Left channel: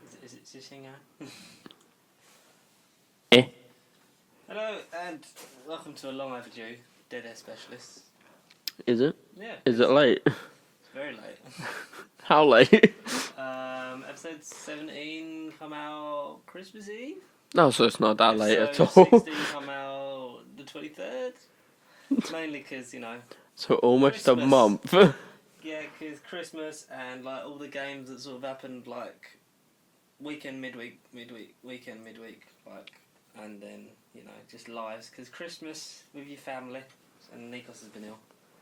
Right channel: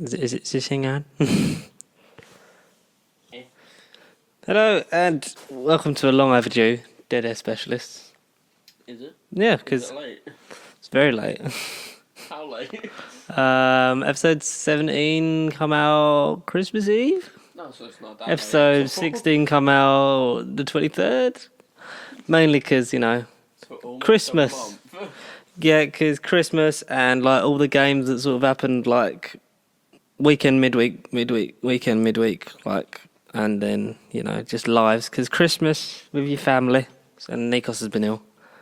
Is it sitting on? Eh? Hello, and welcome to a long overdue Dead Air Specialists. Is it? Yeah, Is because it late? it's very late. How late? Episode 17 come out Christmas Eve. No, so it's not that late. Episode at all. 16 come out the 23rd. Mainly because, So almost Christmas. a month. Yeah, because Christmas and like all the games that sort of happened like weekend, midweek, weekend, midweek, like, and then, just lives. Because Christmas with your family, and Nikos has been ill.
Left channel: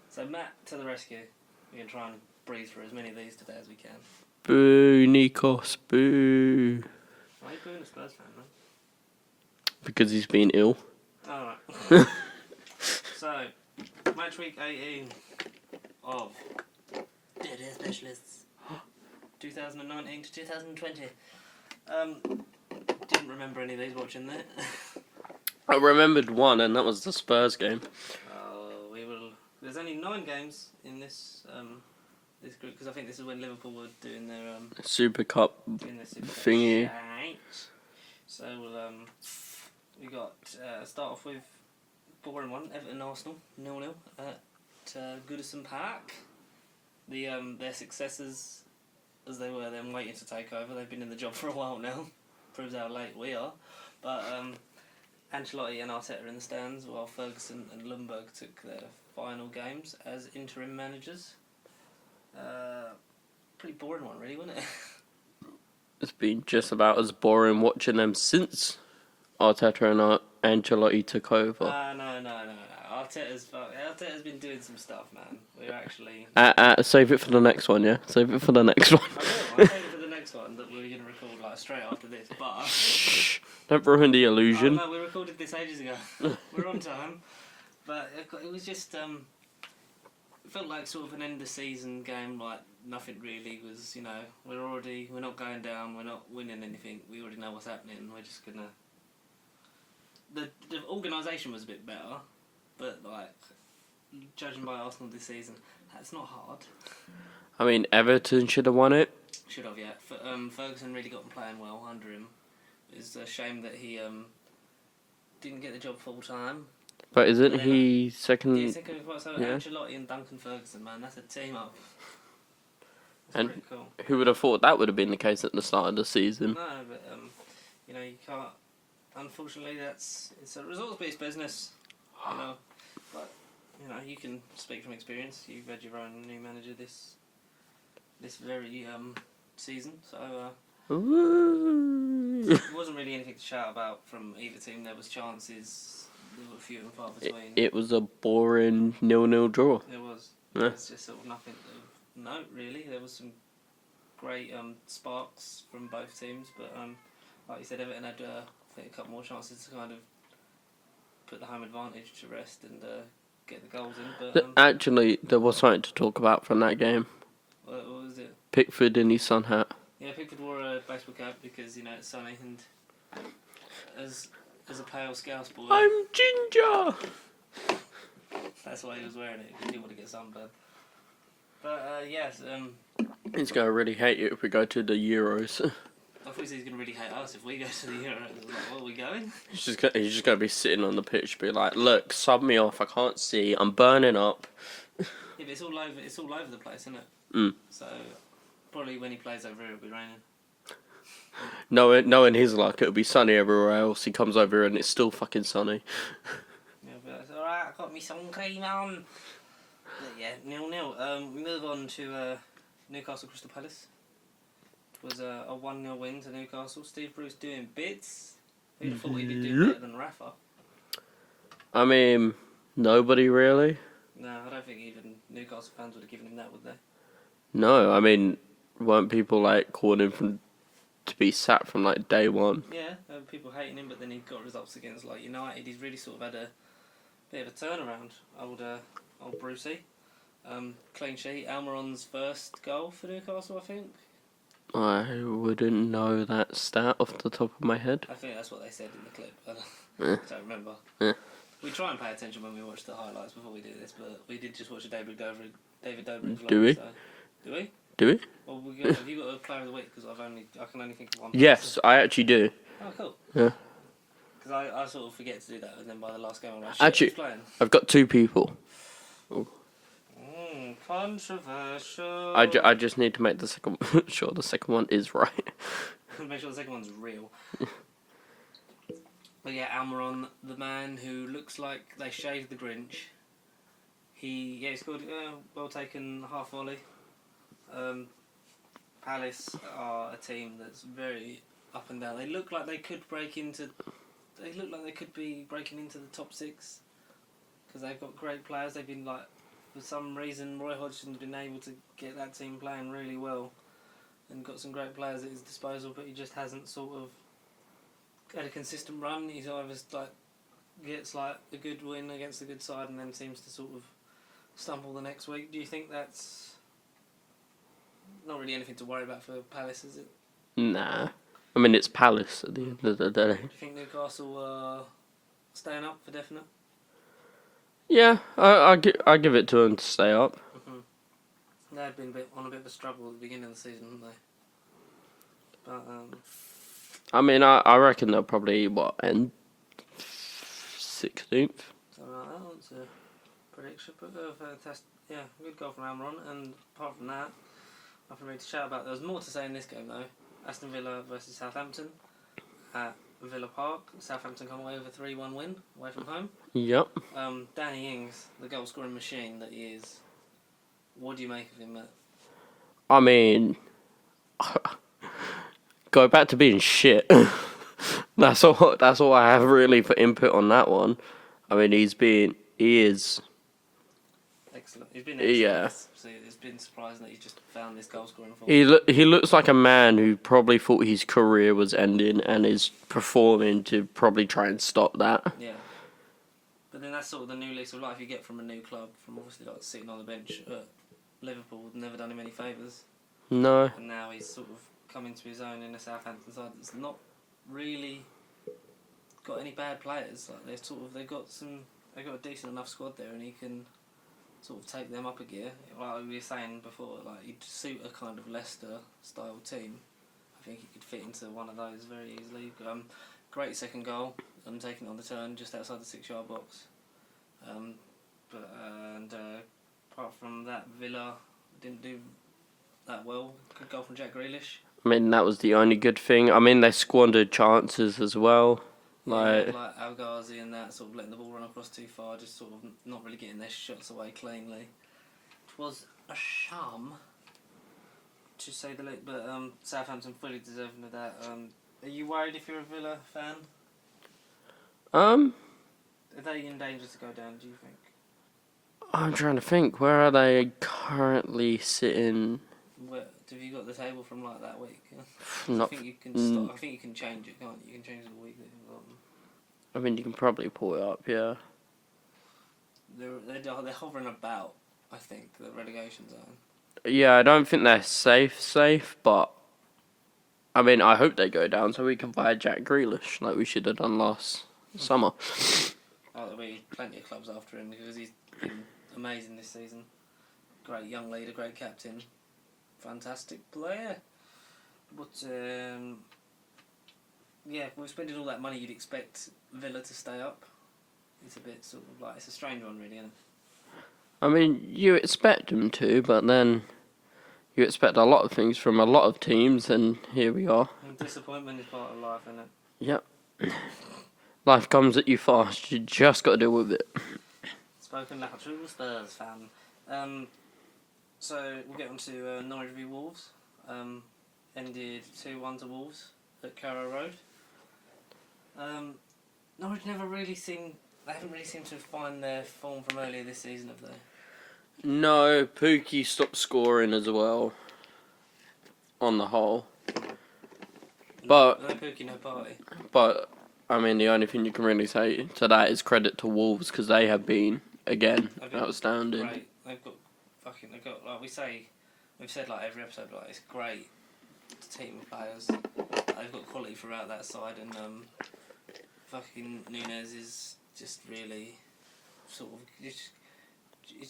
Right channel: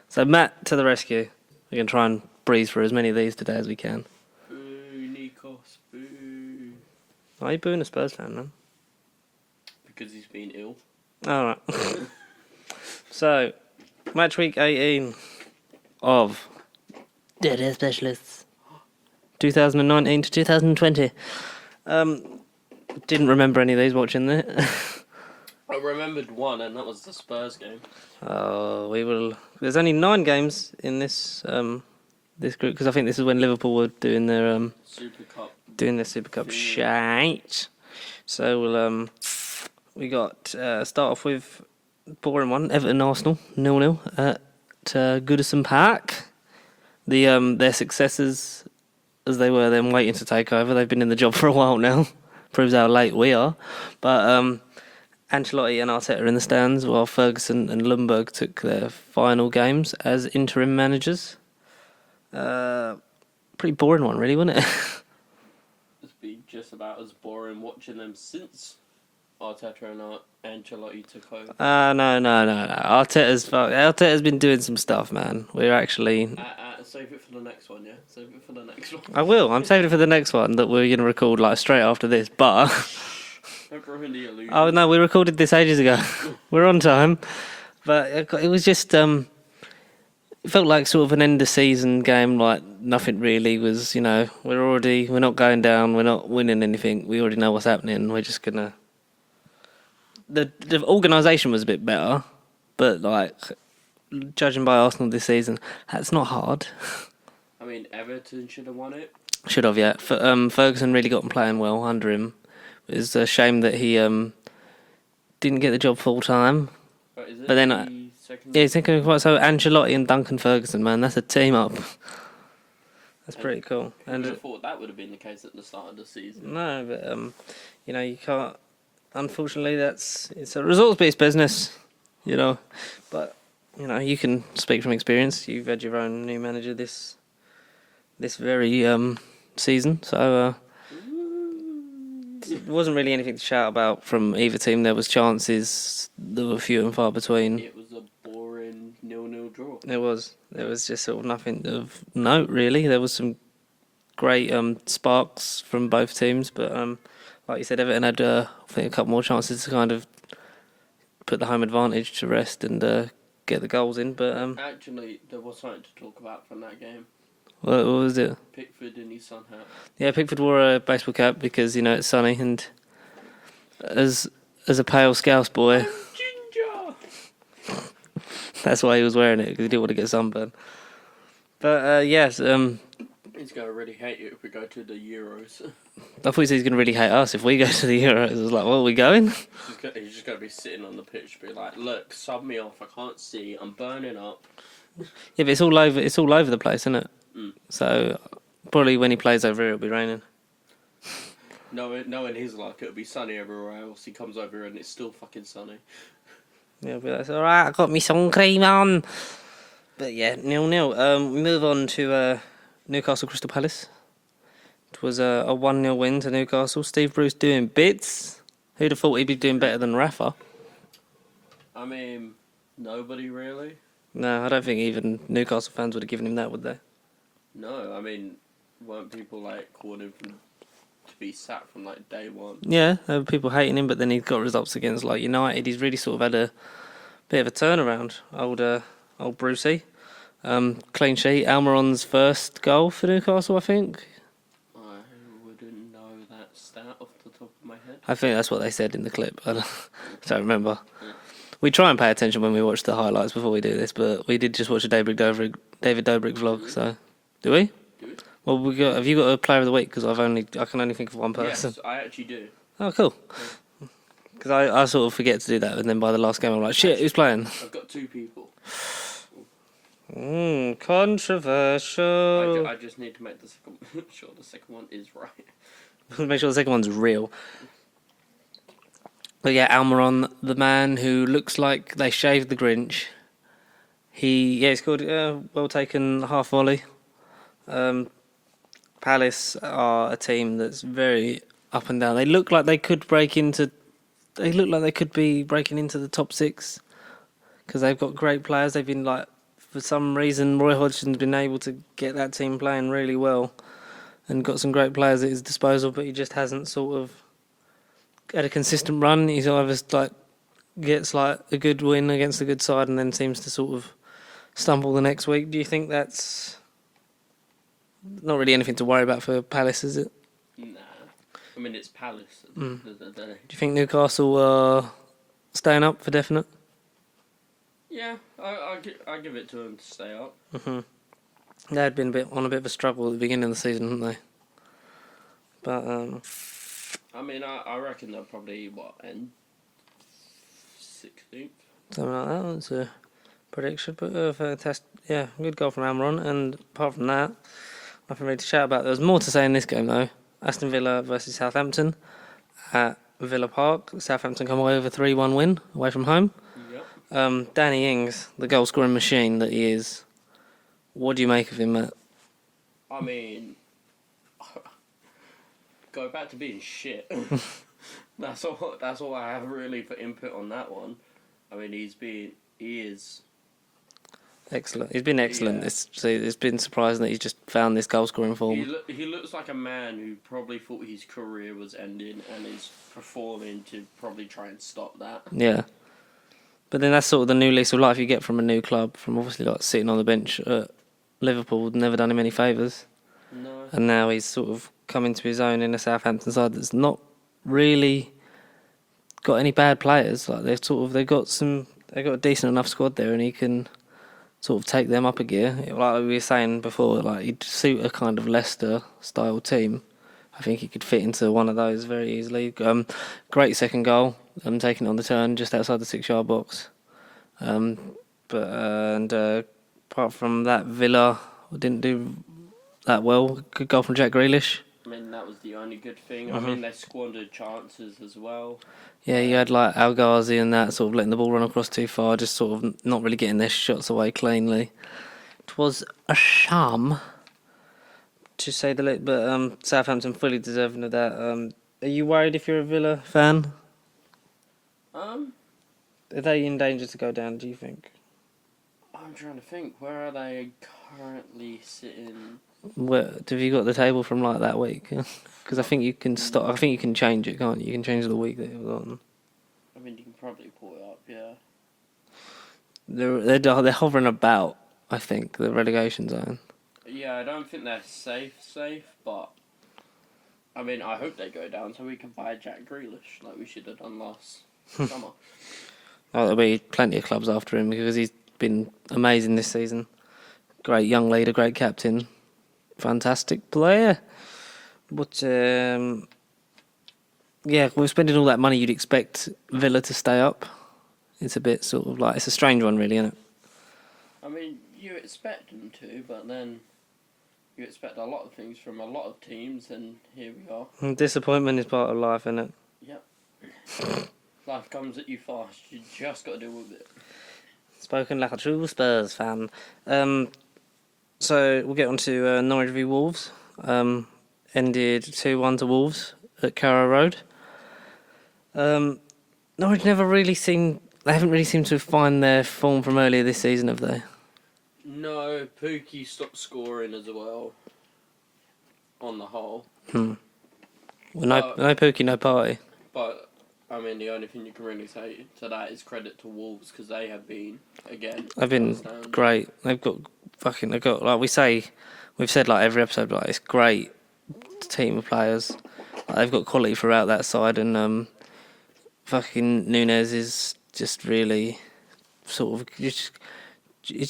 So Matt to the rescue. We're going to try and breeze through as many of these today as we can. Boo, Nikos, boo. Why are you booing a Spurs fan, man? Because he's been ill. Alright. So, Matchweek 18 of Dead Air Specialists. 2019 to 2020. Didn't remember any of these watching it. I remembered one, and that was the Spurs game. We will. There's only 9 games in this this group because I think this is when Liverpool were doing their Super Cup. Super Cup thingy. shite. So we'll we got start off with boring one. Everton Arsenal 0-0 at Goodison Park. Their successors, as they were then waiting to take over. They've been in the job for a while now. Proves how late we are. But Ancelotti and Arteta are in the stands, while Ferguson and Lundberg took their final games as interim managers. Pretty boring one, really, wasn't it? It's been just about as boring watching them since Arteta and Ancelotti took over. No. Arteta's been doing some stuff, man. We're actually... Save it for the next one, yeah? Save it for the next one. I will. I'm saving it for the next one that we're going to record like straight after this, but... Don't ruin the illusion. Oh, no, we recorded this ages ago. We're on time. But it was just... it felt like sort of an end-of-season game, like nothing really was, we're not going down, we're not winning anything, we already know what's happening, we're just going to... The organisation was a bit better, but, like, judging by Arsenal this season, that's not hard. I mean, Everton should have won it. Should have, yeah. Ferguson really got them playing well under him. It was a shame that he didn't get the job full-time. But is it the second? Yeah, he's second. So Ancelotti and Duncan Ferguson, man, that's a team up. That's pretty cool. Who would have thought that would have been the case at the start of the season? No, but you can't. Unfortunately, it's a results-based business, But you can speak from experience. You've had your own new manager this very season, so it wasn't really anything to shout about from either team. There was chances that were few and far between. It was a boring 0-0 draw. It was. It was just sort of nothing of note, really. There was some great sparks from both teams, but like you said, Everton had I think a couple more chances to kind of put the home advantage to rest and get the goals in. But actually, there was something to talk about from that game. What was it? Pickford in his sun hat. Yeah, Pickford wore a baseball cap because it's sunny, and as a pale Scouse boy, I'm ginger. that's why he was wearing it, because he didn't want to get sunburned. But yes, He's gonna really hate you if we go to the Euros. I thought he said he's going to really hate us if we go to the Euros. I was like, well, are we going? He's just gonna be sitting on the pitch, be like, "Look, sub me off. I can't see. I'm burning up." Yeah, but it's all over. It's all over the place, isn't it? Mm. So probably when he plays over here, it'll be raining. Knowing his luck, it'll be sunny everywhere else. He comes over here and it's still fucking sunny. Yeah, it'll be like, all right, I got me sun cream on. But yeah, 0-0. We move on to Newcastle Crystal Palace. It was a 1-0 win to Newcastle. Steve Bruce doing bits. Who'd have thought he'd be doing better than Rafa? I mean, nobody really. No, I don't think even Newcastle fans would have given him that, would they? No, I mean, weren't people like calling him to be sacked from like day one? Yeah, there were people hating him, but then he got results against like United. He's really sort of had a bit of a turnaround. Old Brucey. Clean sheet. Almiron's first goal for Newcastle, I think. I wouldn't know that stat off the top of my head. I think that's what they said in the clip. I don't remember. Yeah. We try and pay attention when we watch the highlights before we do this, but we did just watch a David Dobrik vlog. Do we? So, do we? Do we? Well, have you got a player of the week? Because I can only think of one person. Yes, I actually do. Oh, cool. Yeah. Because I sort of forget to do that, and then by the last game I'm like, shit, Actually, who's playing? I've got 2 people. Controversial. I just need to make the second sure the second one is right. Make sure the second one's real. But yeah, Almiron, the man who looks like they shaved the Grinch. He scored a well taken half volley. Palace are a team that's very up and down. They look like they could break into. They look like they could be breaking into the top 6 because they've got great players. They've been like, for some reason, Roy Hodgson's been able to get that team playing really well, and got some great players at his disposal. But he just hasn't sort of had a consistent run. He's either like gets like a good win against a good side, and then seems to sort of stumble the next week. Do you think that's not really anything to worry about for Palace, is it? Nah. I mean, it's Palace at the end of the day. Do you think Newcastle are staying up for definite? Yeah, I give it to them to stay up. Mm-hmm. They had been on a bit of a struggle at the beginning of the season, hadn't they? But I mean, I reckon they'll probably end 16th. Something like that. That's a prediction. But fantastic. Yeah, good goal from Almiron. And apart from that, nothing really to shout about. There was more to say in this game though. Aston Villa versus Southampton at Villa Park. Southampton come away with a 3-1 win away from home. Yep. Danny Ings, the goal scoring machine that he is. What do you make of him, Matt? I mean, go back to being shit. That's all I have really for input on that one. I mean, he is Excellent. He's been excellent. Yeah. It's been surprising that he's just found this goal scoring form. He looks like a man who probably thought his career was ending and is performing to probably try and stop that. Yeah. But then that's sort of the new lease of life you get from a new club, from obviously like sitting on the bench at Liverpool, never done him any favours. No. And now he's sort of come into his own in a Southampton side that's not really got any bad players. Like they've got a decent enough squad there, and he can sort of take them up a gear. Like we were saying before, like he'd suit a kind of Leicester style team. I think he could fit into one of those very easily. Great second goal, taking it on the turn just outside the 6-yard box. Apart from that, Villa didn't do that well. Good goal from Jack Grealish. I mean, that was the only good thing. I mean, they squandered chances as well. Yeah, you had like Al Ghazi and that sort of letting the ball run across too far, just sort of not really getting their shots away cleanly. It was a sham, to say the least, but Southampton fully deserving of that. Are you worried if you're a Villa fan? Are they in danger to go down, do you think? I'm trying to think. Where are they currently sitting? Have you got the table from like that week? Because I think you can stop. I think you can change it, can't you? You can change the week that you've got. I mean, you can probably pull it up. Yeah. They're hovering about. I think the relegation zone. Yeah, I don't think they're safe, but I mean, I hope they go down so we can buy Jack Grealish like we should have done last summer. Oh, there'll be plenty of clubs after him because he's been amazing this season. Great young leader, great captain. Fantastic player. But, we're spending all that money, you'd expect Villa to stay up. It's a bit sort of like, it's a strange one really, isn't it? I mean, you expect them to, but then you expect a lot of things from a lot of teams, and here we are. And disappointment is part of life, isn't it? Yep. Life comes at you fast, you just got to deal with it. Spoken like a true Spurs fan. So we'll get on to Norwich v Wolves. Ended 2-1 to Wolves at Carrow Road. Norwich they haven't really seemed to find their form from earlier this season, have they? No, Pookie stopped scoring as well, on the whole. No Pookie, no party. But, I mean, the only thing you can really say to that is credit to Wolves, because they have been, again, They've been great. They've got like we've said like every episode, like it's great team of players. Like, they've got quality throughout that side, and Nunes is just really sort of it's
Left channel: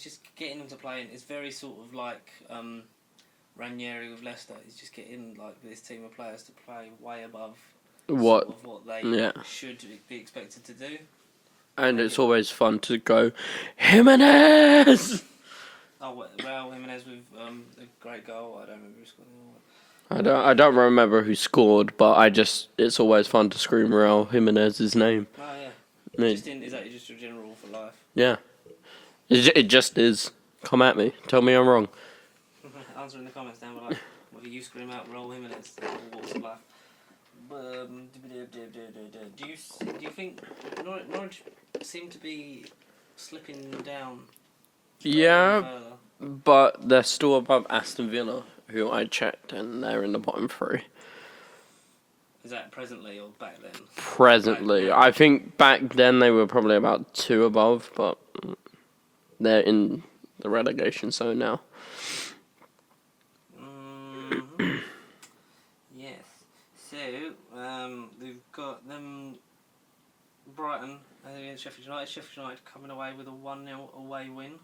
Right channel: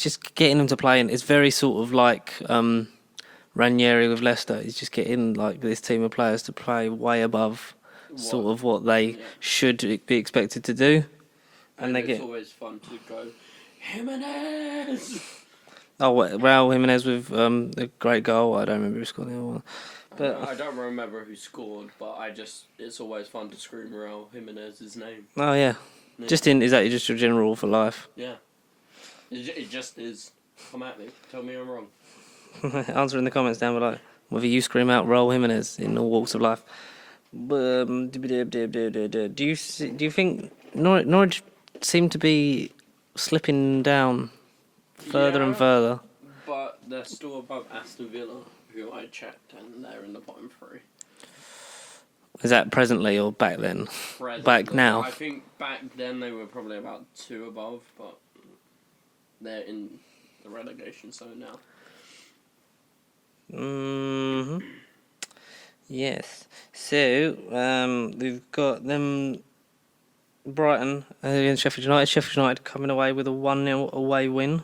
just getting them to play, and it's very sort of like Ranieri with Leicester. He's just getting like this team of players to play way above sort of what they should be expected to do. And it's always fun to go, Jimenez! Oh, Raul Jimenez with a great goal. I don't remember who scored the other one. I don't remember who scored, but it's always fun to scream Raul Jimenez's name. Oh yeah. Is that just your general rule for life? Yeah. It just is. Come at me. Tell me I'm wrong. Answer in the comments down below whether you scream out Raul Jimenez in all walks of life. Do you think Norwich seem to be slipping down further and further? But they're still above Aston Villa, who I checked, and they're in the bottom three. Is that presently or back then? Presently. Back now? I think back then they were probably about 2 above, but they're in the relegation zone now. Mm-hmm. Yes. So, we've got them Brighton against Sheffield United. Sheffield United coming away with a 1-0 away win.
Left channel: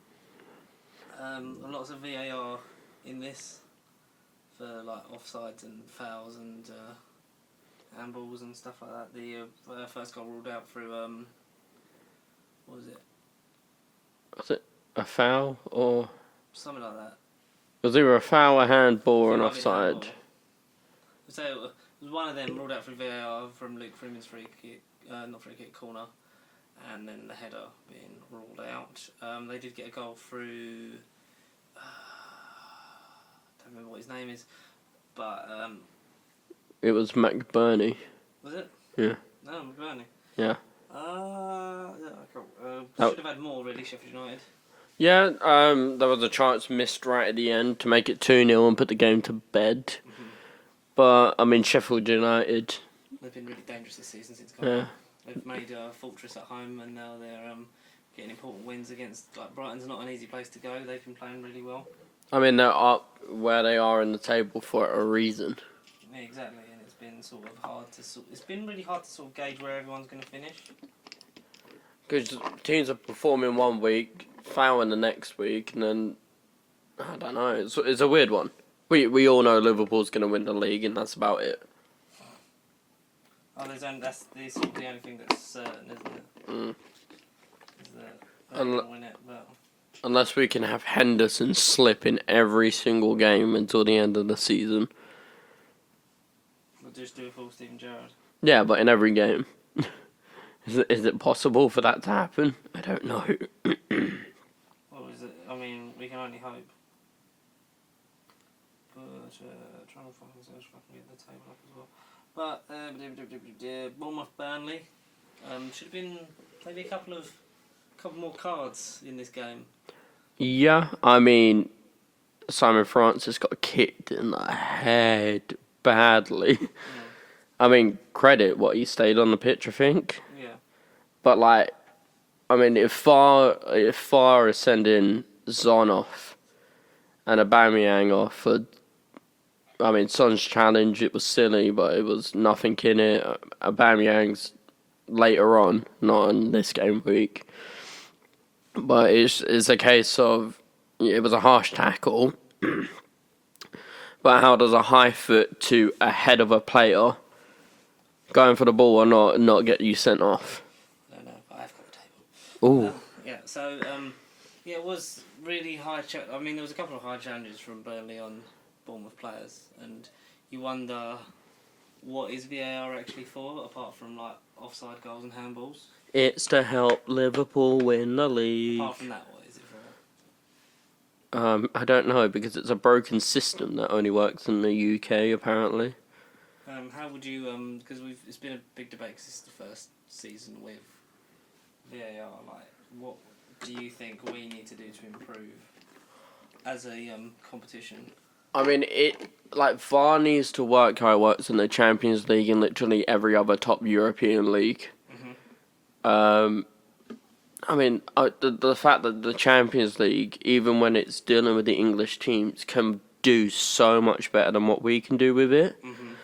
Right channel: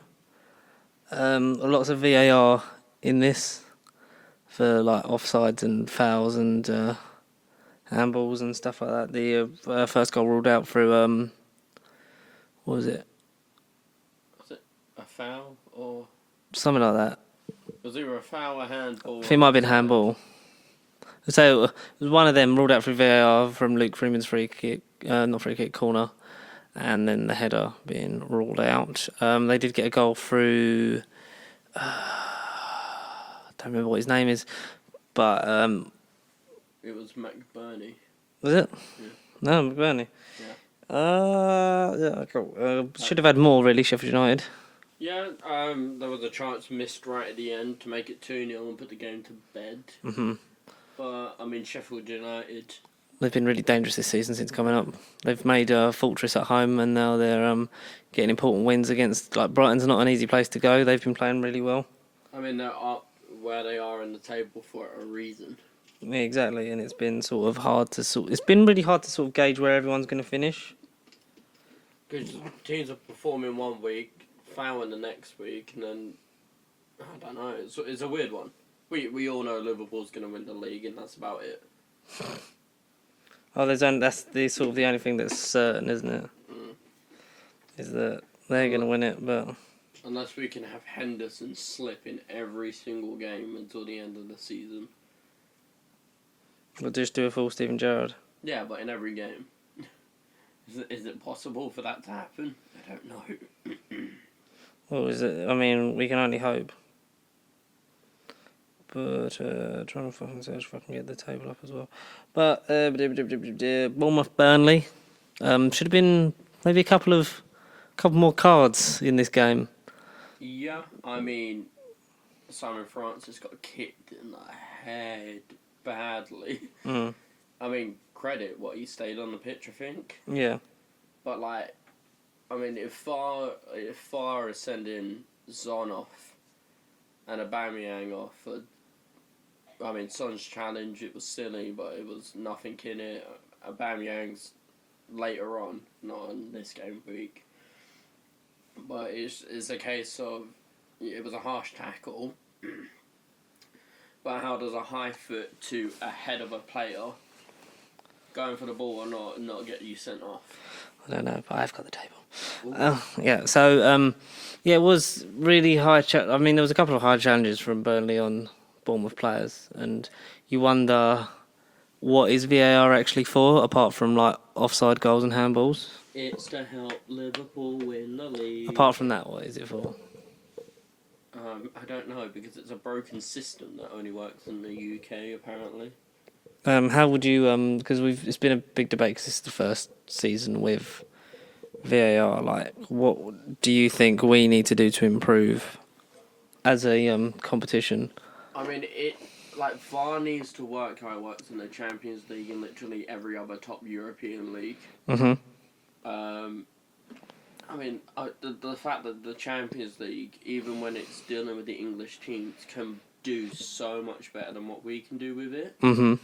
Lots of VAR in this for like offsides and fouls and handballs and stuff like that. The first goal ruled out through what was it? Was it a foul or something like that? Was either a foul, a handball, it might have been handball. So it was one of them ruled out through VAR from Luke Freeman's free kick, corner, and then the header being ruled out. They did get a goal through. I don't remember what his name is, but it was McBurney. Was it? Yeah. No, McBurney. Yeah. Yeah. Cool. Should have had more really, Sheffield United. Yeah. There was a chance missed right at the end to make it 2-0 and put the game to bed. Mm-hmm. But I mean, Sheffield United. They've been really dangerous this season since coming up. They've made a fortress at home, and now they're getting important wins against. Like Brighton's not an easy place to go. They've been playing really well. I mean, they're up where they are in the table for a reason. Yeah, exactly, and it's been sort of hard to It's been really hard to sort of gauge where everyone's going to finish. Because teams are performing one week, fouling the next week, and then I don't know. It's a weird one. We all know Liverpool's going to win the league, and that's about it. Oh, that's the sort of the only thing that's certain, isn't it? Mm. Is that they're going to win it, but unless we can have Henderson slip in every single game until the end of the season. We'll just do a full Steven Gerrard. Yeah, but in every game. Is it possible for that to happen? I don't know. What is it? I mean, we can only hope. But trying to fucking search if I can get the table up as well. But Bournemouth Burnley should have been maybe a couple more cards in this game. Yeah, I mean, Simon Francis got kicked in the head badly. Mm. I mean, credit what he stayed on the pitch, I think. Yeah. But like, I mean, if Far is sending Zon off and Aubameyang off for, I mean, Son's challenge, it was silly, but it was nothing in it. Aubameyang's later on, not on this game week. But it's a case of, it was a harsh tackle. But how does a high foot to a head of a player going for the ball or not get you sent off? I don't know, but I've got the table. Ooh. Yeah, so, it was really high. I mean, there was a couple of high challenges from Burnley on Bournemouth players, and you wonder what is VAR actually for, apart from like offside goals and handballs. It's to help Liverpool win the league. Apart from that, what is it for? I don't know, because it's a broken system that only works in the UK, apparently. How would you, because it's been a big debate because this is the first season with VAR, like, what do you think we need to do to improve as a competition? I mean, VAR needs to work how it works in the Champions League and literally every other top European league. Mm-hmm. I mean, the fact that the Champions League, even when it's dealing with the English teams, can do so much better than what we can do with it. Mm-hmm.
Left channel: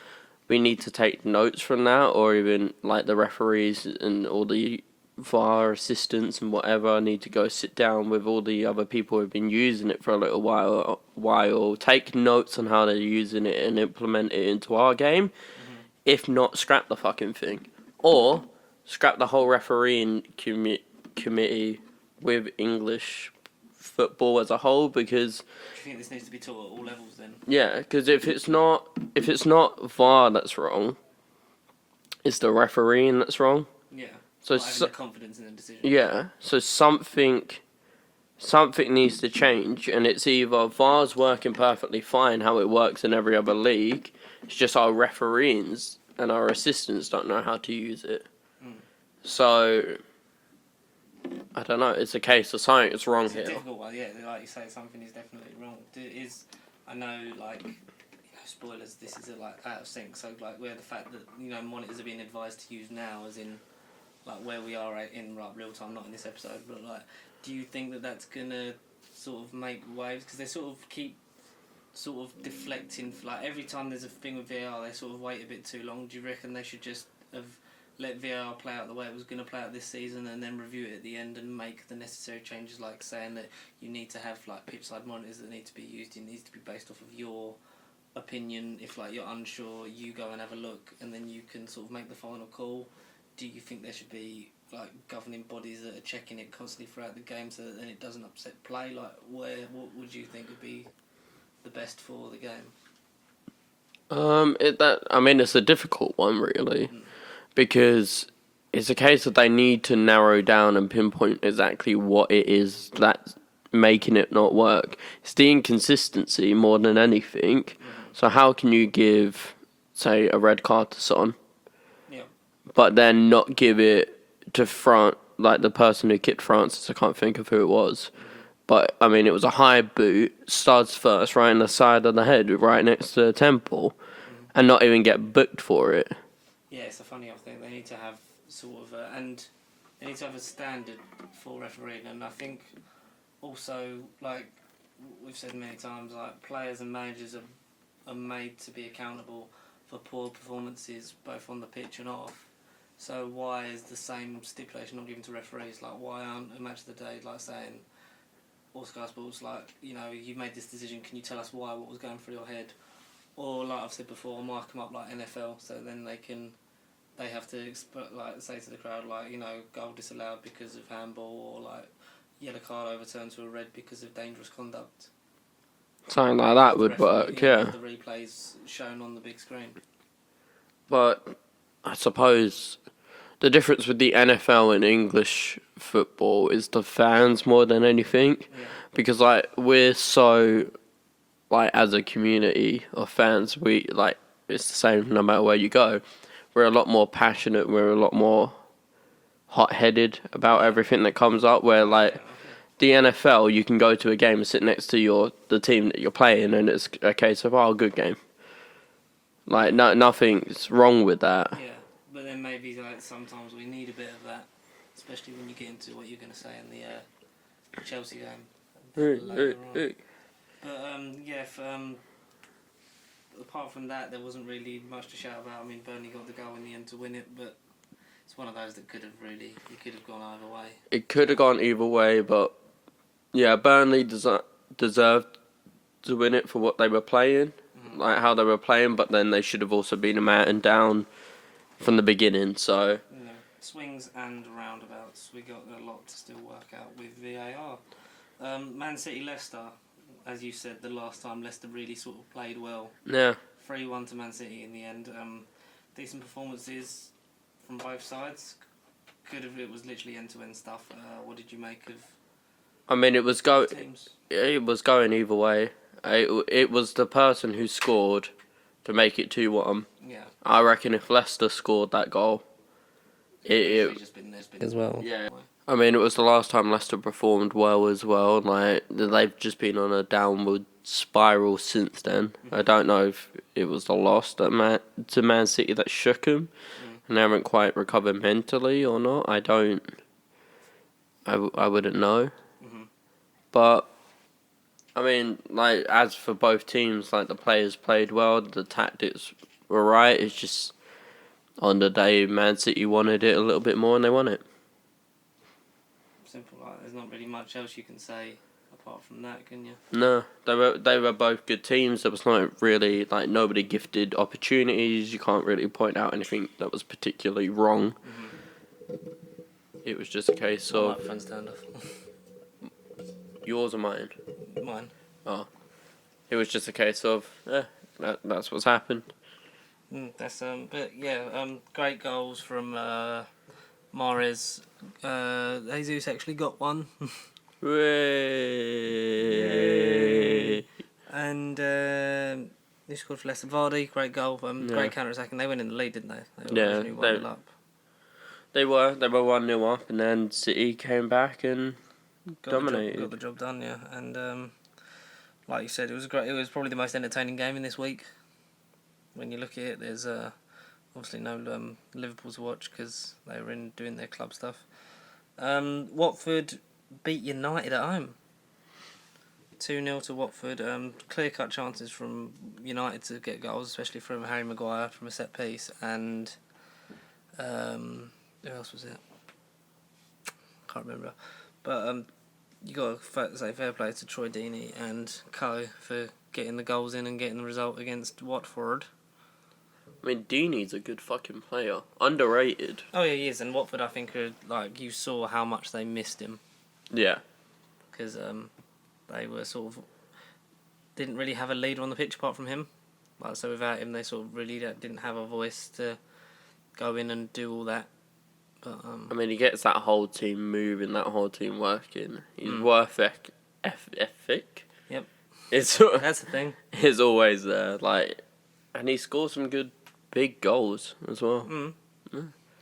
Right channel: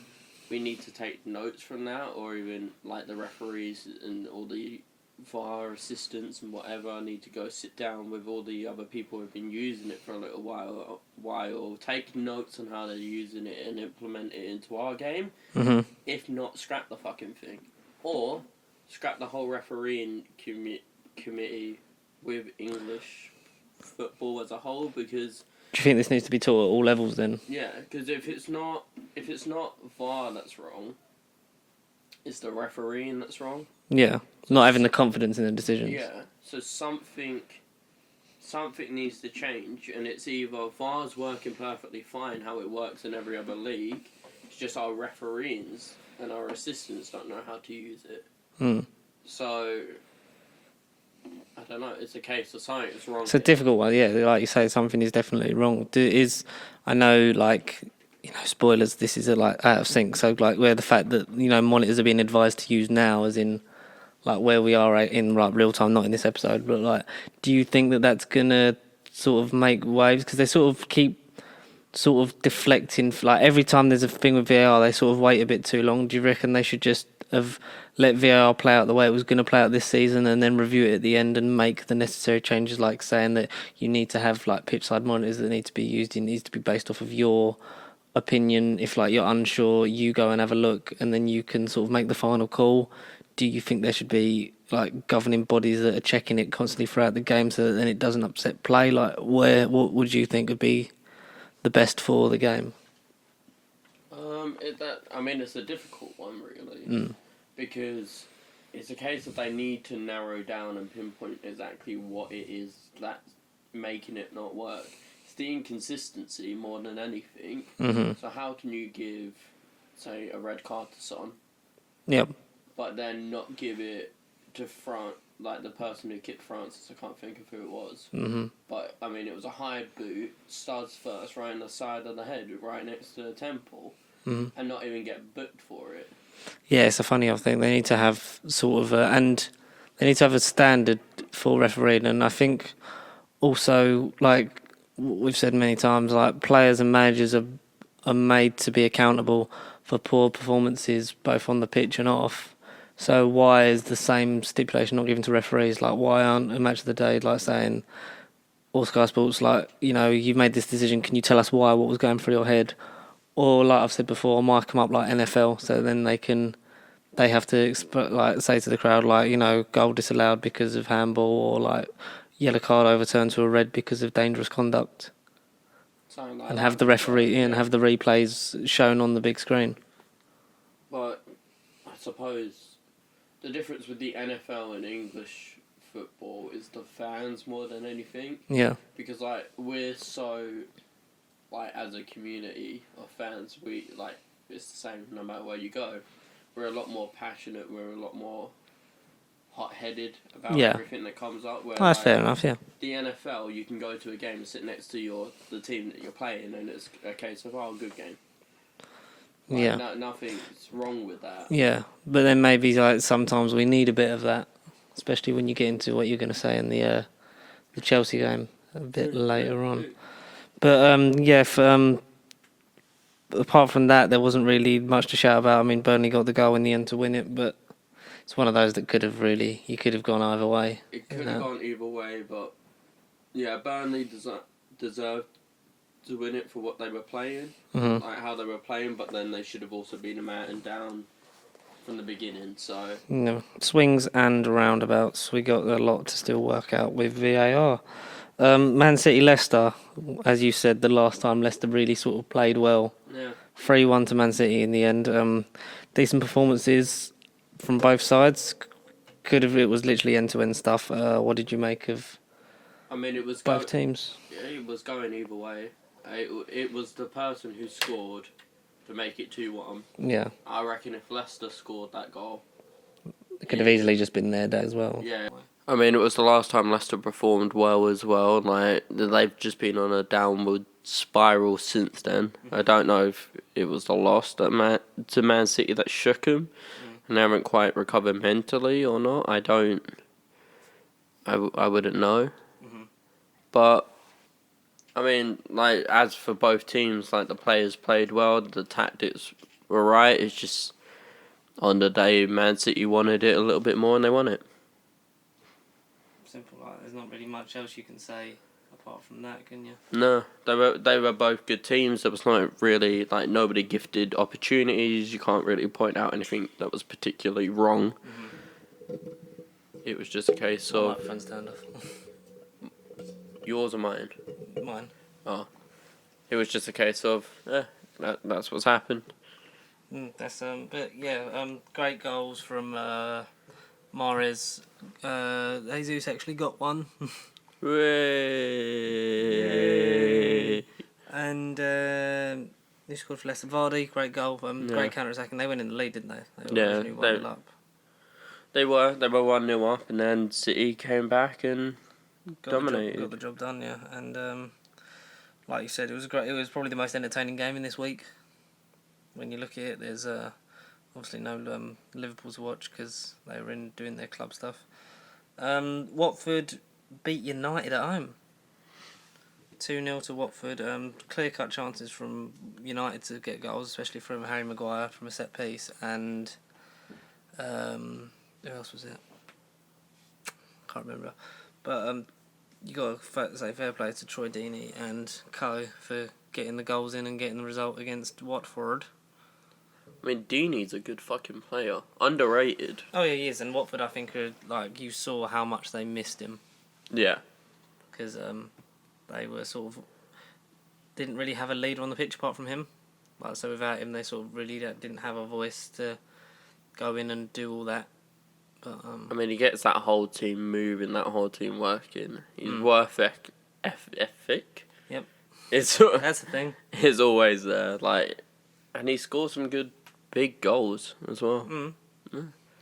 We need to take notes from that, or even like the referees and all the VAR assistants and whatever need to go sit down with all the other people who've been using it for a little while, take notes on how they're using it and implement it into our game. Mm-hmm. If not, scrap the fucking thing. Or scrap the whole refereeing committee with English football as a whole, because... Do you think this needs to be taught at all levels then? Yeah, because if it's not VAR that's wrong, it's the refereeing that's wrong. Yeah. So not having the confidence in the decision. Yeah, so something needs to change, and it's either VAR's working perfectly fine how it works in every other league, it's just our referees and our assistants don't know how to use it. So, I don't know, it's a case of something is wrong. It's a difficult one, yeah. Like you say, something is definitely wrong. I know, like, you know, spoilers, this is like out of sync, so like where the fact that, you know, monitors are being advised to use now, as in like where we are in like real time, not in this episode, but like, do you think that that's gonna sort of make waves? Because they sort of keep sort of deflecting, like every time there's a thing with VAR, they sort of wait a bit too long. Do you reckon they should just have let VAR play out the way it was going to play out this season, and then review it at the end and make the necessary changes, like saying that you need to have like pitch side monitors that need to be used? It needs to be based off of your opinion. If like you're unsure, you go and have a look, and then you can sort of make the final call. Do you think there should be like governing bodies that are checking it constantly throughout the game, so that then it doesn't upset play? Like, what would you think would be the best for the game? It's a difficult one, really, because it's a case that they need to narrow down and pinpoint exactly what it is that's making it not work. It's the inconsistency more than anything. Mm-hmm. So how can you give, say, a red card to Son, but then not give it to France, like the person who kicked Francis? I can't think of who it was. Mm-hmm. But, I mean, it was a high boot, studs first, right in the side of the head, right next to the temple, and not even get booked for it. Yeah, it's a funny old thing. They need to have sort of and they need to have a standard for refereeing. And I think also, like we've said many times, like players and managers are made to be accountable for poor performances, both on the pitch and off. So why is the same stipulation not given to referees? Like, why aren't a match of the day like saying, or Sky Sports, like, you know, you've made this decision, can you tell us why, what was going through your head? Or, like I've said before, might come up like NFL, so then they have to like say to the crowd, like, you know, goal disallowed because of handball, or like yellow card overturned to a red because of dangerous conduct. Something like that. Have the referee, have the replays shown on the big screen. But I suppose the difference with the NFL and English football is the fans more than anything. Yeah. Because like we're so, like, as a community of fans, we like it's the same no matter where you go. We're a lot more passionate. We're a lot more hot-headed about everything that comes up. Where that's like fair enough, yeah. The NFL, you can go to a game and sit next to the team that you're playing, and it's a case of good game. Like nothing's wrong with that. Yeah, but then maybe like sometimes we need a bit of that, especially when you get into what you're going to say in the Chelsea game a bit later on. But apart from that, there wasn't really much to shout about. I mean, Burnley got the goal in the end to win it, but it's one of those that could have gone either way. It could have gone either way, but yeah, Burnley deserved to win it for what they were playing, like how they were playing, but then they should have also been a man down from the beginning. So swings and roundabouts. We got a lot to still work out with VAR. Man City Leicester, as you said, the last time Leicester really sort of played well. Yeah, 3-1 to Man City in the end. Decent performances from both sides. It was literally end-to-end stuff. What did you make of? I mean, it was both teams. It was going either way. It was the person who scored to make it 2-1. Yeah. I reckon if Leicester scored that goal, it could have easily just been their day as well. Yeah. I mean, it was the last time Leicester performed well as well. Like, they've just been on a downward spiral since then. I don't know if it was the loss to Man City that shook them, and they haven't quite recovered mentally or not. I wouldn't know. But I mean, like, as for both teams, like, the players played well, the tactics were right. It's just on the day Man City wanted it a little bit more, and they won it. Simple like. There's not really much else you can say apart from that, can you? No, they were both good teams. There was not really like nobody gifted opportunities. You can't really point out anything that was particularly wrong. It was just a case My of microphone's turned off. yours or mine. Mine. Oh, it was just a case of that's what's happened. But yeah, great goals from Mahrez. Jesus actually got one. Hooray! And he scored for Leicester. Vardy, great goal. Great counter attacking. They went in the lead, didn't they? They were originally 1-0 up. They were 1-0 up, and then City came back and dominated. Got the job done, yeah. And like you said, it was great. It was probably the most entertaining game in this week. When you look at it, there's obviously no Liverpool to watch because they were in doing their club stuff. Watford beat United at home. 2-0 to Watford. Clear-cut chances from United to get goals, especially from Harry Maguire from a set piece. And who else was it? Can't remember. But you got to say fair play to Troy Deeney and Co for getting the goals in and getting the result against Watford. I mean, Deeney's a good fucking player. Underrated. Oh yeah, he is. And Watford, I think, are like you saw how much they missed him. Yeah. Because they were sort of didn't really have a leader on the pitch apart from him. Like, so without him, they sort of really didn't have a voice to go in and do all that. But I mean, he gets that whole team moving, that whole team working. He's worth ethic. Yep. It's that's the thing. He's always there, like, and he scores some good big goals as well.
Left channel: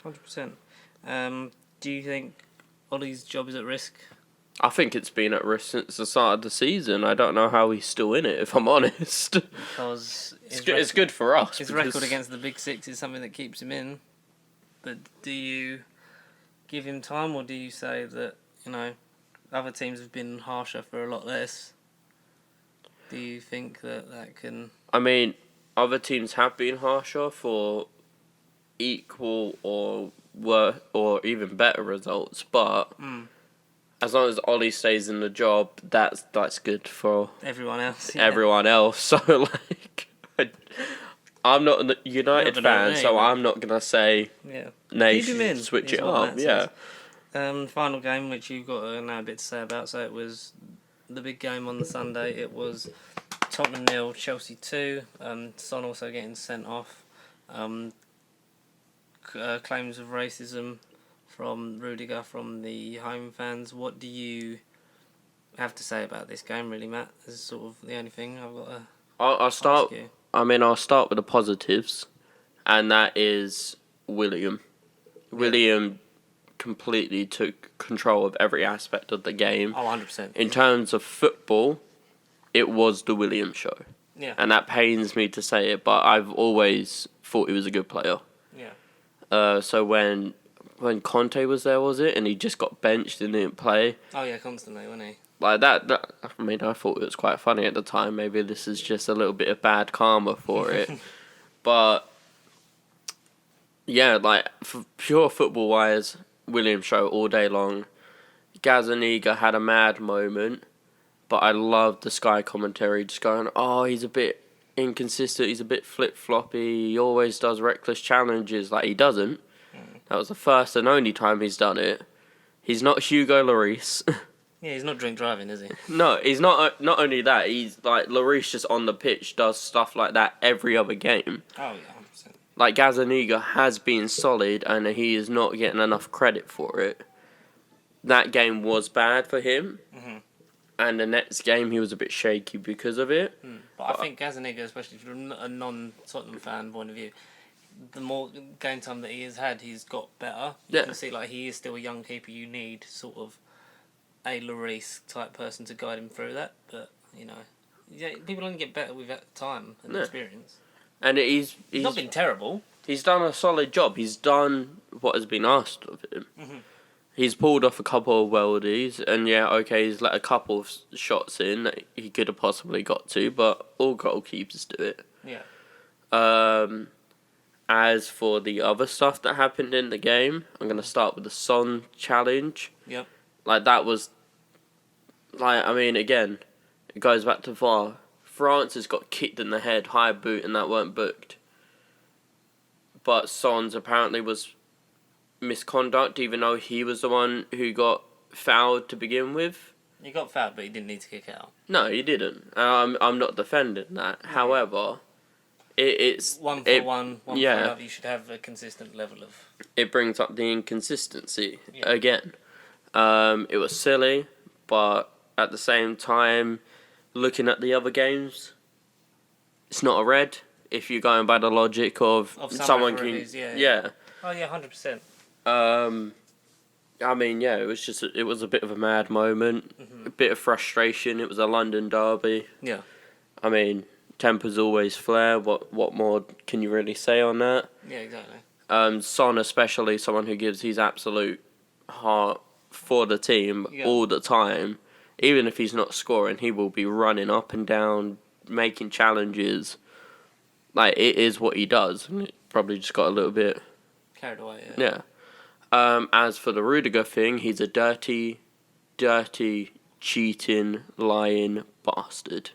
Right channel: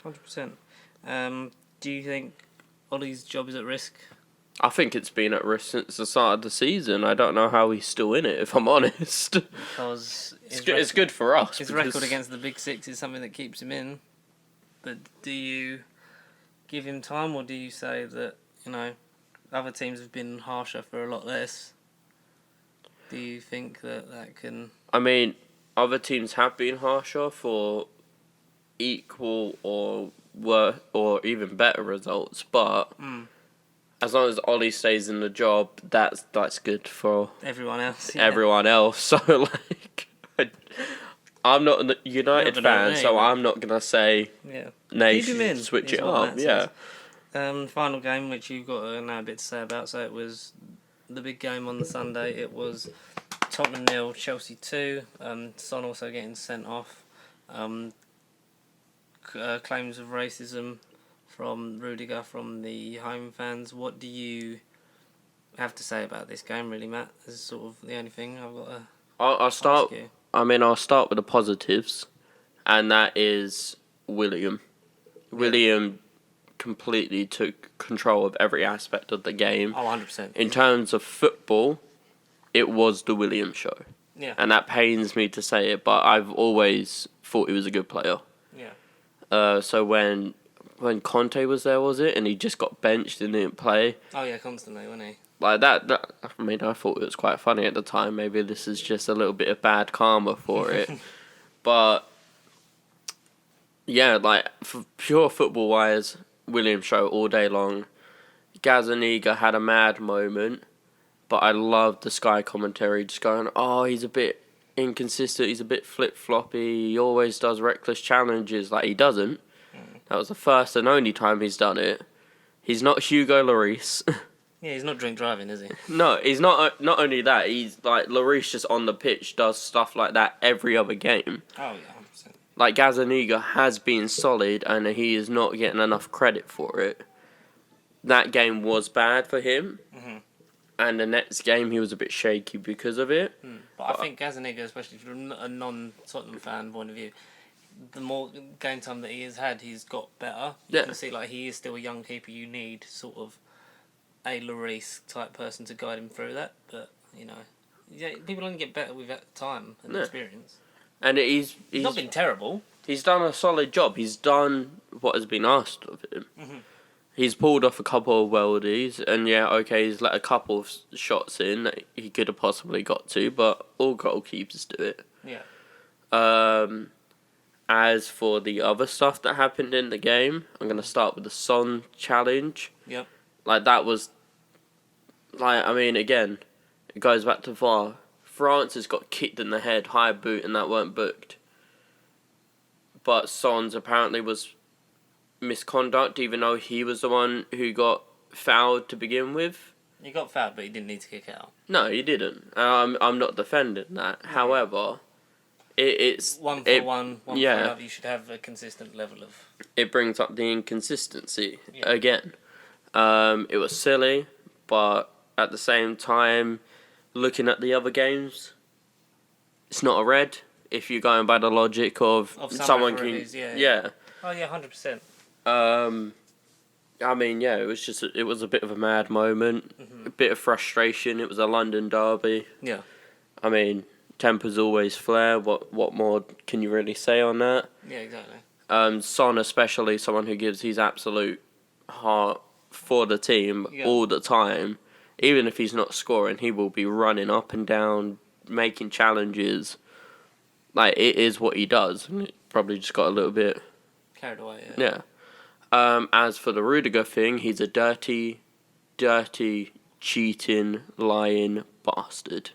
100%. Do you think Ollie's job is at risk? I think it's been at risk since the start of the season. I don't know how he's still in it, if I'm honest. Because it's good for us. His record against the Big Six is something that keeps him in. But do you give him time, or do you say that, other teams have been harsher for a lot less? Do you think that can... I mean, other teams have been harsher for equal or even better results, but as long as Ollie stays in the job, that's good for everyone else. Yeah. Everyone else. So like, I'm not a United fan, so I'm not gonna say Keep him in, switch it up. Yeah. Final game, which you've got now a bit to say about. So it was the big game on the Sunday. It was Tottenham 0, Chelsea 2. Son also getting sent off. Claims of racism from Rudiger from the home fans. What do you have to say about this game, really, Matt? This is sort of the only thing I've got to I'll start. ask you. I mean, I'll start with the positives, and that is William. Yeah. William completely took control of every aspect of the game. Oh, 100%. In terms of football, it was the William show. Yeah. And that pains me to say it, but I've always thought he was a good player. Yeah. So when Conte was there, was it? And he just got benched and didn't play. Oh, yeah, constantly, wasn't he? Like that, I mean, I thought it was quite funny at the time. Maybe this is just a little bit of bad karma for it. But, yeah, like, for pure football-wise, William show all day long. Gazaniga had a mad moment, but I loved the Sky commentary just going, oh, he's a bit inconsistent, he's a bit flip-floppy, he always does reckless challenges. Like, he doesn't. That was the first and only time he's done it. He's not Hugo Lloris. Yeah, he's not drink driving, is he? No, he's not. Not only that, he's like Lloris just on the pitch does stuff like that every other game. Oh yeah, 100%. Like Gazaniga has been solid, and he is not getting enough credit for it. That game was bad for him, and the next game he was a bit shaky because of it. But I think Gazaniga, especially from a non-Tottenham fan point of view, the more game time that he has had, he's got better. You can see like he is still a young keeper. You need sort of a Lloris type person to guide him through that, but people only get better with time and experience. And he's not been terrible. He's done a solid job. He's done what has been asked of him. He's pulled off a couple of worldies, and he's let a couple of shots in that he could have possibly got to, but all goalkeepers do it. Yeah. As for the other stuff that happened in the game, I'm going to start with the Son challenge. Yep. Like, that was... Like, I mean, again, it goes back to VAR. Francis got kicked in the head, high boot, and that weren't booked. But Son's apparently was misconduct, even though he was the one who got fouled to begin with. He got fouled, but he didn't need to kick out. No, he didn't. I'm not defending that. Yeah. However, it's... One for one for yeah. another. You should have a consistent level of... It brings up the inconsistency Yeah. again. It was silly, but at the same time, looking at the other games, it's not a red. If you're going by the logic of someone can, yeah. Oh yeah, 100%. I mean, yeah, it was a bit of a mad moment, a bit of frustration. It was a London derby. Yeah. I mean, tempers always flare. What more can you really say on that? Yeah, exactly. Son, especially someone who gives his absolute heart for the team all the time. Even if he's not scoring, he will be running up and down, making challenges. Like, it is what he does. And it probably just got a little bit... Carried away, yeah. As for the Rudiger thing, he's a dirty, cheating, lying bastard.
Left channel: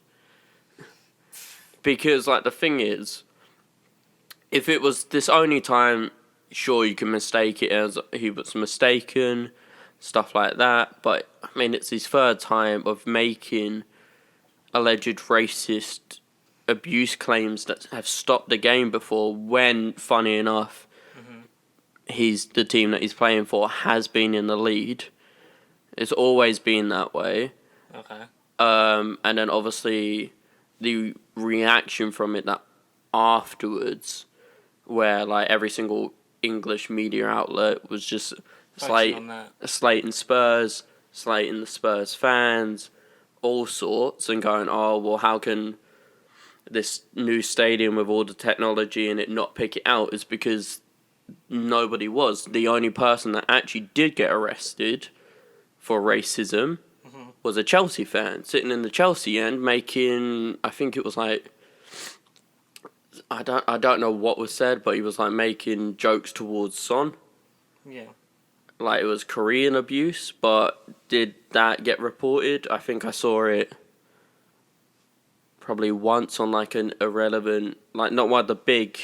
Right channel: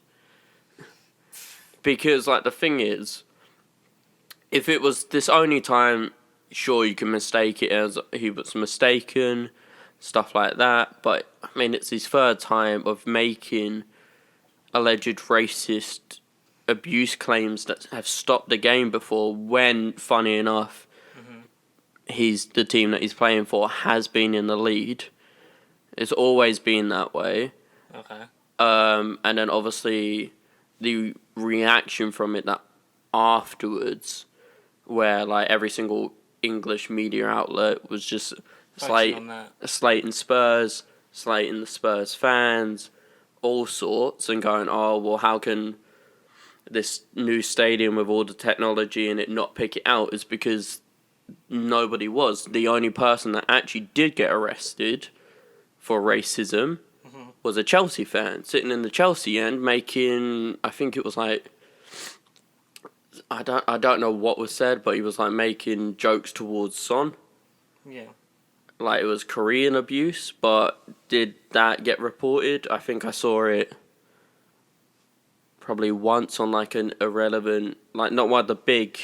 Because, like, the thing is, if it was this only time, sure, you can mistake it as he was mistaken, stuff like that. But, I mean, it's his third time of making alleged racist abuse claims that have stopped the game before when, funny enough, the team that he's playing for has been in the lead. It's always been that way. Okay. And then obviously the reaction from it that afterwards, where like every single English media outlet was just slating Spurs, slating the Spurs fans, all sorts, and going, oh, well, how can this new stadium with all the technology in it not pick it out? Is because nobody was. The only person that actually did get arrested for racism was a Chelsea fan sitting in the Chelsea end making, I think it was like, I don't know what was said, but he was like making jokes towards Son. Yeah. Like it was Korean abuse, but did that get reported? I think I saw it probably once on like an irrelevant, like not one of the big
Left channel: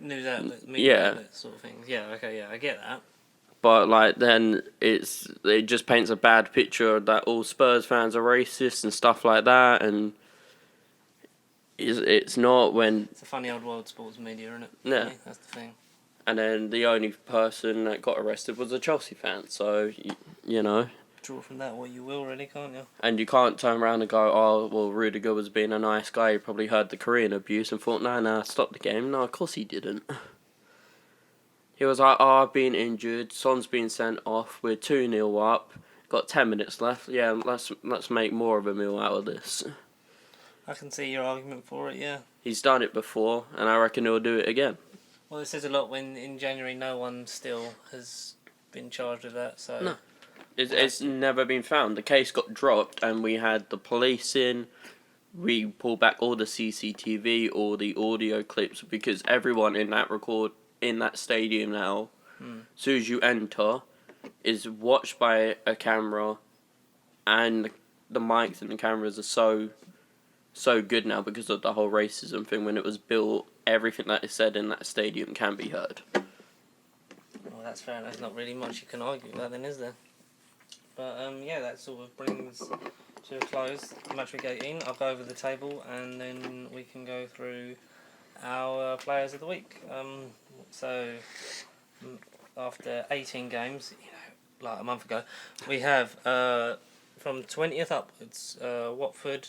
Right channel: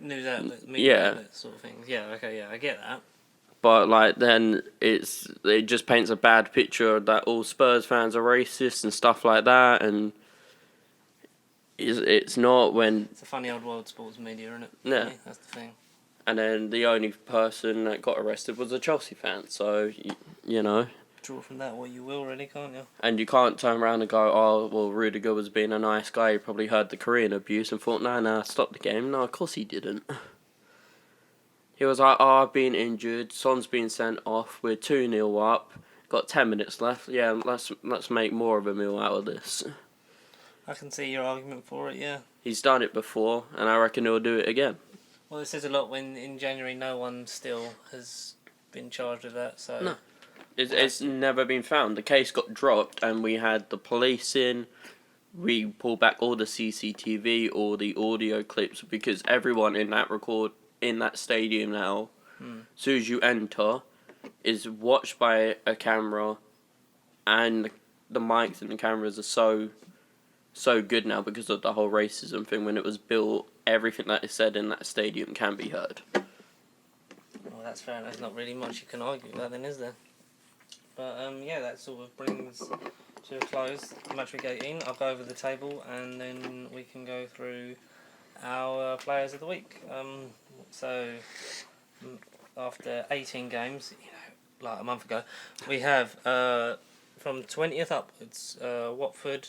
news outlets, media outlets sort of things. Yeah, okay, yeah, I get that. But like then it just paints a bad picture that all Spurs fans are racist and stuff like that, and it's not when... It's a funny old world, sports media, isn't it? Yeah. That's the thing. And then the only person that got arrested was a Chelsea fan, so, you know. Draw from that what you will, really, can't you? And you can't turn around and go, oh, well, Rudiger was being a nice guy, he probably heard the Korean abuse and thought, nah, stop the game. No, of course he didn't. He was like, oh, I've been injured, Son's been sent off, we're 2-0 up, got 10 minutes left, yeah, let's make more of a meal out of this. I can see your argument for it, yeah. He's done it before, and I reckon he'll do it again. Well, it says a lot when in January no one still has been charged with that, so... No. It's never been found. The case got dropped, and we had the police in. We pulled back all the CCTV, all the audio clips, because everyone in that stadium now, as soon as you enter, is watched by a camera, and the mics and the cameras are so good now because of the whole racism thing. When it was built, everything that is said in that stadium can be heard. Well, that's fair. There's not really much you can argue with that, then, is there? But yeah, that sort of brings to a close Matchweek 18. I'll go over the table and then we can go through our players of the week. So after 18 games, like a month ago, we have from 20th upwards Watford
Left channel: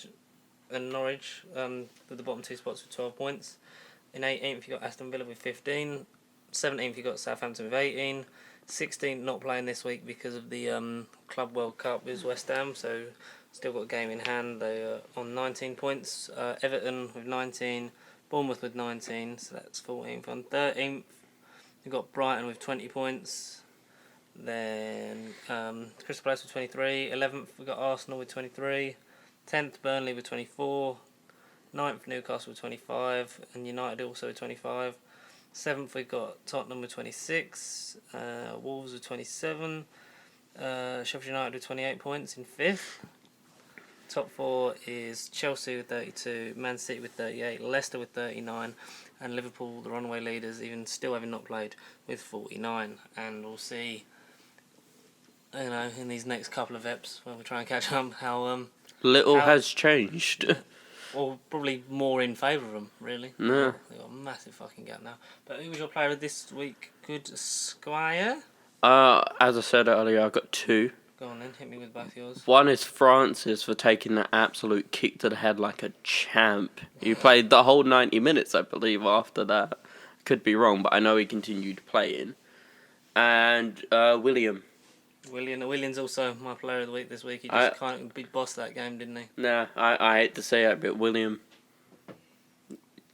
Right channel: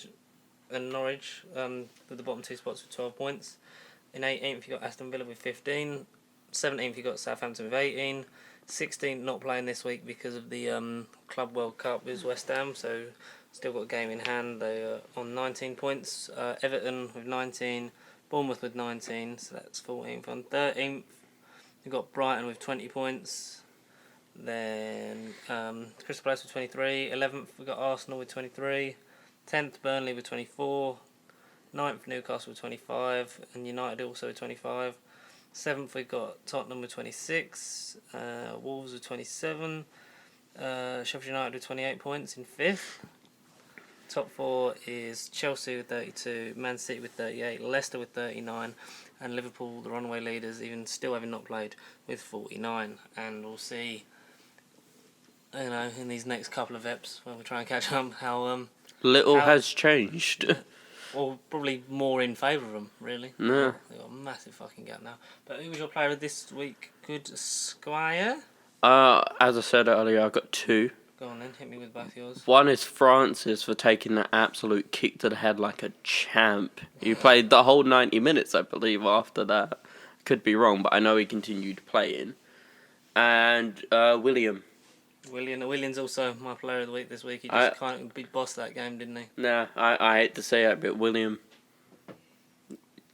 and Norwich with the bottom two spots with 12 points. In 18th you got Aston Villa with 15. 17th you got Southampton with 18. 16th not playing this week because of the Club World Cup with West Ham, so still got a game in hand. They are on 19 points. Everton with 19, Bournemouth with 19, so that's 14th. On 13th you've got Brighton with 20 points. Then Crystal Palace with 23. 11th we've got Arsenal with 23. 10th Burnley with 24. 9th Newcastle with 25, and United also with 25. 7th we've got Tottenham with 26, Wolves with 27, Sheffield United with 28 points in 5th. Top 4 is Chelsea with 32, Man City with 38, Leicester with 39, and Liverpool, the runaway leaders, even still having not played, with 49. And we'll see, in these next couple of eps when we try and catch up how little has changed. or probably more in favour of them, really. No. They've got a massive fucking gap now. But who was your player of this week? Good Squire? As I said earlier, I got 2. Go on then, hit me with both yours. One is Francis for taking that absolute kick to the head like a champ. He played the whole 90 minutes, I believe, after that. Could be wrong, but I know he continued playing. And Williams also my player of the week this week. He just kind of big boss that game, didn't he? Nah, I hate to say it, but William,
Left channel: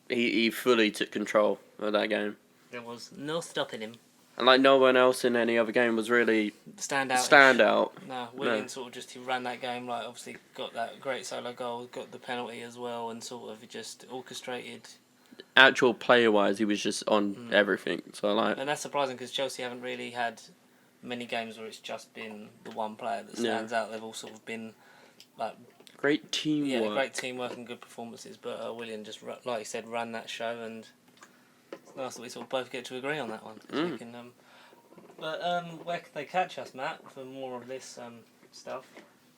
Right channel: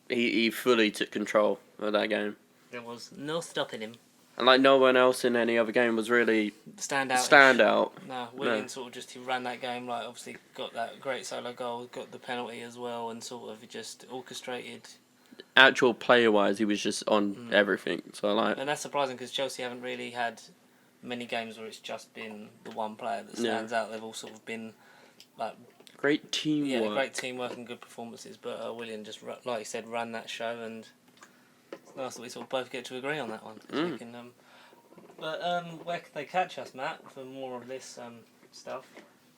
he fully took control of that game. There was no stopping him. And like no one else in any other game was really standout. No, William sort of just he ran that game, like obviously got that great solo goal, got the penalty as well, and sort of just orchestrated. Actual player-wise, he was just on everything. So like, and that's surprising because Chelsea haven't really had many games where it's just been the one player that stands out. They've all sort of been like great teamwork. Yeah, great teamwork and good performances. But William just, like you said, ran that show, and it's nice that we sort of both get to agree on that one. We can, where can they catch us, Matt, for more of this stuff?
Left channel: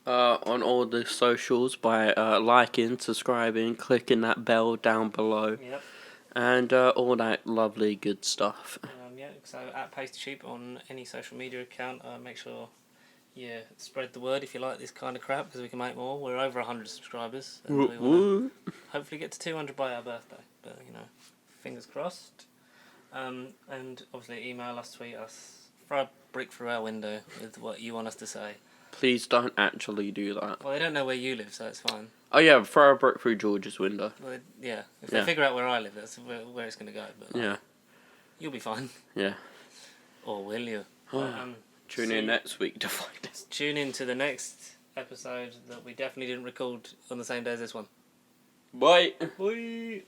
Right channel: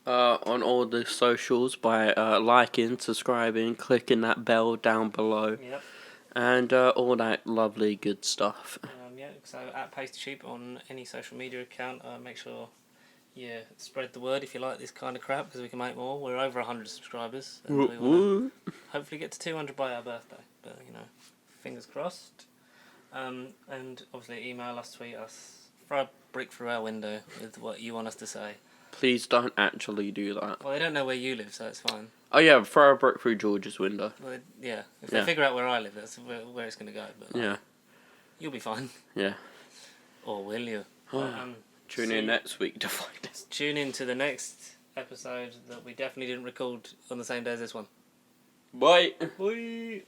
On all the socials by liking, subscribing, clicking that bell down below. Yep. And all that lovely good stuff. So at Pasty Sheep on any social media account, make sure you spread the word if you like this kind of crap, because we can make more. We're over 100 subscribers, and we want to hopefully get to 200 by our birthday. But fingers crossed. And obviously email us, tweet us, throw a brick through our window with what you want us to say. Please don't actually do that. Well, they don't know where you live, so it's fine. Oh yeah, throw a brick through George's window. Well, if they figure out where I live, that's where it's going to go. But you'll be fine. Yeah. Or will you? Tune in next week to find out. Tune in to the next episode that we definitely didn't record on the same day as this one. Bye. Bye.